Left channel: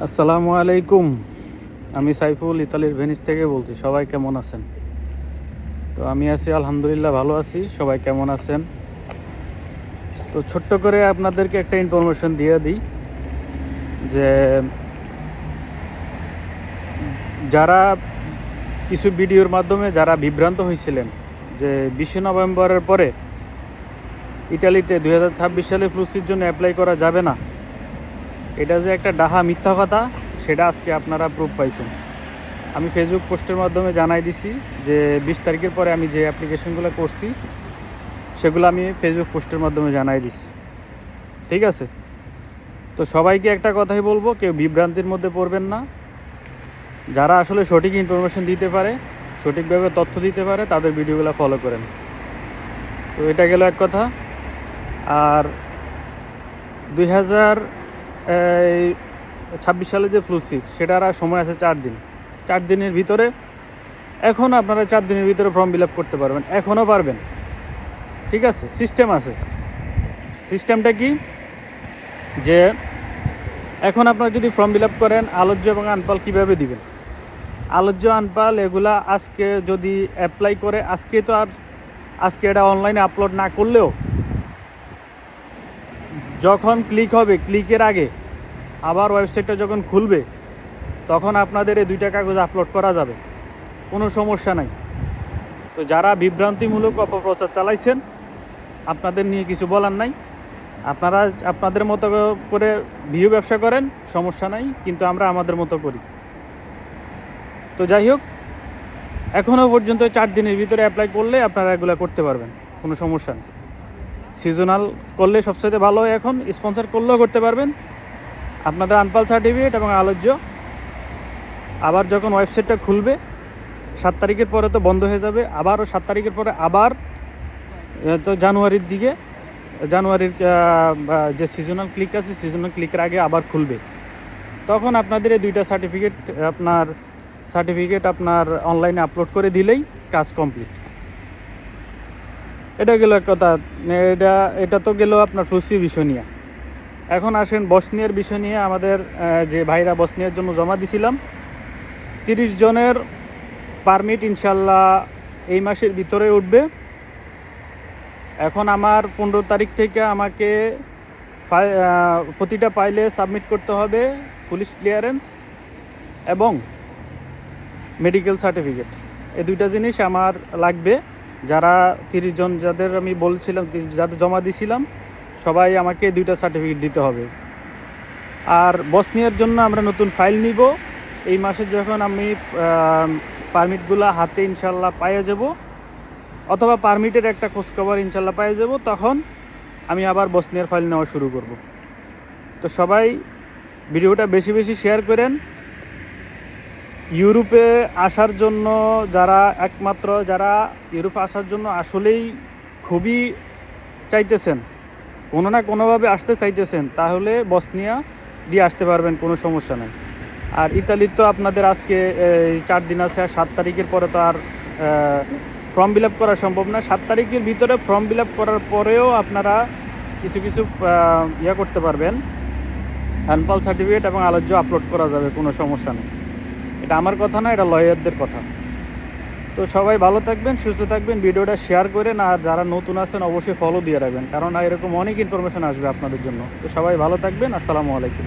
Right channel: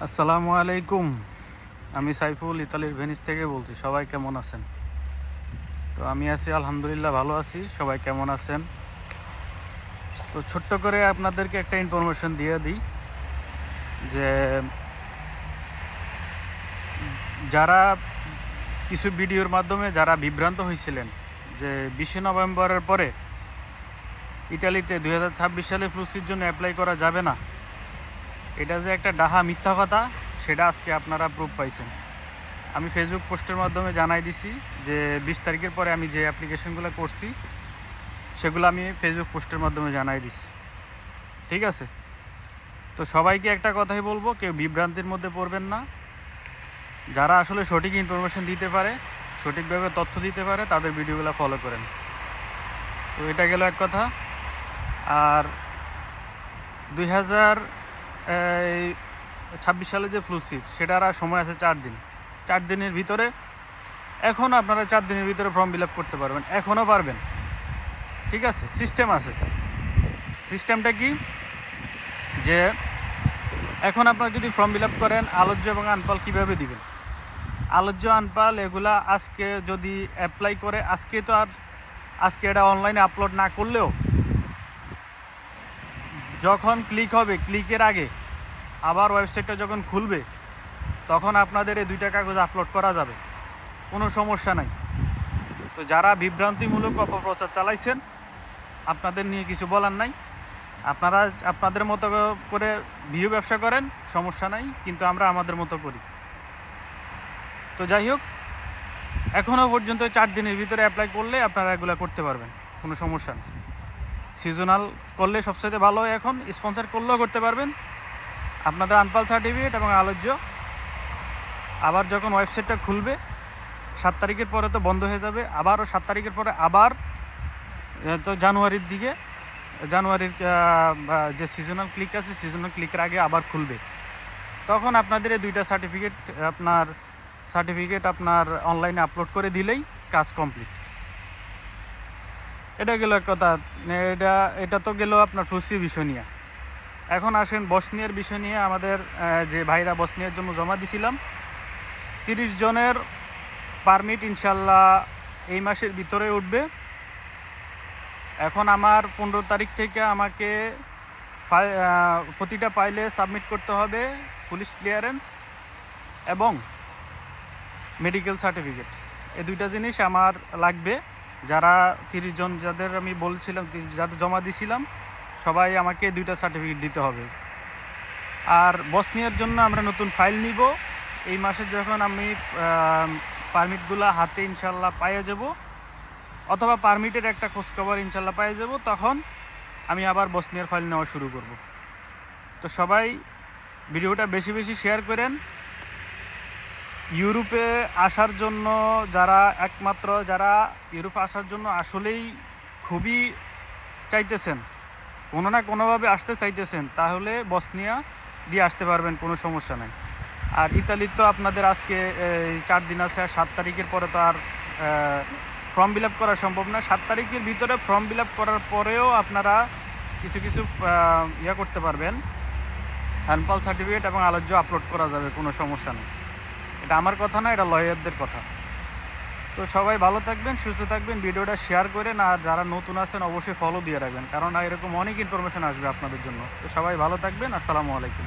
আসসালামু আলাইকুম। আমি সাইফুল ইতালির ভেনিস থেকে বলছি, সবাই কেমন আছেন? তো আমি আছি, আলহামদুলিল্লাহ ভালো আছি, সবাই কেমন আছেন? তো ছোট্ট করে আপনাদেরকে একটা ইনফরমেশন দিয়ে দিই যে যারা কিছু ভিডিওর মাধ্যমে যারা বিভ্রান্ত হয়েছিলেন যে বিশে নভেম্বরের পরে ইটালিতে দুই সালে ফ্লুসির জন্য অ্যাপ্লাই করা যাবে না এটা যে একটা ডাহা মিথ্যা কথা, সেটা আজকে আপনারা প্রুফ পাইছেন। আমি ফেসবুক পোস্টের মাধ্যমে জানাই দিছি যে বিশ তারিখের পরে আমি যে অ্যাপ্লিকেশনগুলো করছি, সেগুলো আমি ফেসবুক পোস্টের মাধ্যমে জানাই দিছি। ঠিক আছে? তো সবাইকে একটা কথাই বলব, কেউ বিভ্রান্তির মধ্যে পড়বেন না। যারা আসলে সঠিক ইনফরমেশন দিতে পারে, সঠিকভাবে তথ্য দিতে পারে, তাদের ভিডিওগুলো ফলো করেন। তো এটা গেল এক কথা। আর দুই হাজার ছাব্বিশ সালে যে ফ্লু সিক্স সেটার আর সময় আছে চার দিন। চার দিনের ভিতরে, এখন আপনারা চার দিনের ভিতরে ফর্ম ফিল করতে পারবেন। এখনও পারবেন। ঠিক আছে? সিস্টেম আছে। সিস্টেমটা কি? যে এখন আপনারা যদি ফর্ম ফিল করেন আলোচ্য এবং আনপাল কীভাবে দিবেন? আলোচ্য আনপাল এগুলা আজকে যদি অ্যাপ্লাই করে, আজকে তো আর, আজকে এটা অনলাইনে আপলোড না করলেও যখন ক্লিক হবে ক্লিকের আগে আবার ওয়েবসাইটটা যখন খুলবে, তখন আপনাদের এই দুইটা কাগজ আপলোড করা যাবে। কোনো সমস্যা নাই। তো যারা বিভ্রান্তিমূলক অপপ্রচার চালাইছেন, আপনাদের নিয়ে কিছু বলার নাই। আপনারা আপনাদের মতো করে ভিউ ব্যবসা করেন, সমস্যা নাই, কিন্তু আমরা আমাদের মতো করি। তো যাই হোক এখনও পর্যন্ত চার দিনের ভিতরে অ্যাপ্লাই করলে আপনারা এগুলো করতে পারবেন, কোনো সমস্যা নেই। সিজনাল করলে সবচেয়ে ভালো এখন স্পন্সর করলেও করতে পারবেন। আপনাদের আনপাল সার্টিফিকেট এবং আলোচ্য। আবার যখন ওয়েবসাইটটা খুলবে, সাত তারিখের পরে তো বন্ধ হয়ে যাবে আবারও সাত তারিখের পরে আবার তো জানুয়ারির দিকে, জানুয়ারির যে সিজনাল ক্লিক আছে সিজনাল ক্লিকের আগে আবার খুলবে। তখন আপনাদের এই দুইটা সার্টিফিকেট আপনার সার্টিফিকেট আপনার অনলাইনে আপলোড করে দিলেই কাজ কমপ্লিট এটা গেল এক কথা, এটা এটা তো গেল আপনার ফ্লুসি বিষয় নিয়ে। এখন আসেন বসনিয়ার বিষয় নিয়ে, আমাদের যে ভাইরা বসনিয়ার জন্য জমা দিছিলাম, তিরিশ জনের পারমিট ইনশাল্লাহ এই মাসের ভিতরে উঠবে। এখন আমার পনেরো তারিখ থেকে আমাকে প্রতিটা পাইলে সাবমিট করতে হবে পুলিশ ক্লিয়ারেন্স এবং মেডিকেল সার্টিফিকেট এই দুইটা জিনিস আমার লাগবে। যারা তিরিশ জন, যাদের আমি বলছিলাম যাদের জমা দিছিলাম, সবাই আমাকে দুইটা সার্টিফিকেট দিতে হবে। আর বসনিয়ার জন্য আমরা নতুন ফাইল নিব। এই মাসে যখন আমি পারমিটগুলো হাতে ইনশাল্লাহ পাইয়ে যাব, অথবা পারমিটের একটা খোঁজখবর ইনশাল্লাহ পাইয়ে যাব, তখন আমি আবার বসনিয়ার ফাইল নেওয়া শুরু করব। তো সবাই ভিডিওটা বেশি বেশি শেয়ার করেন। ইউরোপে আসার জন্য যারা একমাত্র, যারা ইউরোপে আসার জন্য আসলেই খুবই চাইতেছেন, কোনো না কোনোভাবে আসতে চাইতেছেন, তাহলে বসনিয়া দিয়ে আসতে পারবেন, কোনো সমস্যা নেই। আর ইতালির তো আপনাদের আজকে চার দিন আছে, আর সাত তারিখের পরে তো আর ফর্ম ফিল আপ করা সম্ভব না। সাত তারিখের ভিতরে ফর্ম ফিল আপ করার পরেও আপনারা কিছু কিছু ইয়ে করতে পারবেন। হ্যান্ডপাল সার্টিফিকেট এবং আলোচ্য আপলোড করা যাবে, কোনো সমস্যা নেই। এটা আমার কথা না, এটা লয়ারদের কথা। তো সবাই ভালো থাকবেন, সুস্থ থাকবেন, ভিডিওটা শেয়ার করেন, আর যারা নতুন আছেন অবশ্যই ফলো দিয়ে রাখবেন, কারণ এরকম অনেক ইনফরমেশন আসবে আপনাদের জন্য। তো সবাই ভালো থাকবেন, আসসালামু আলাইকুম।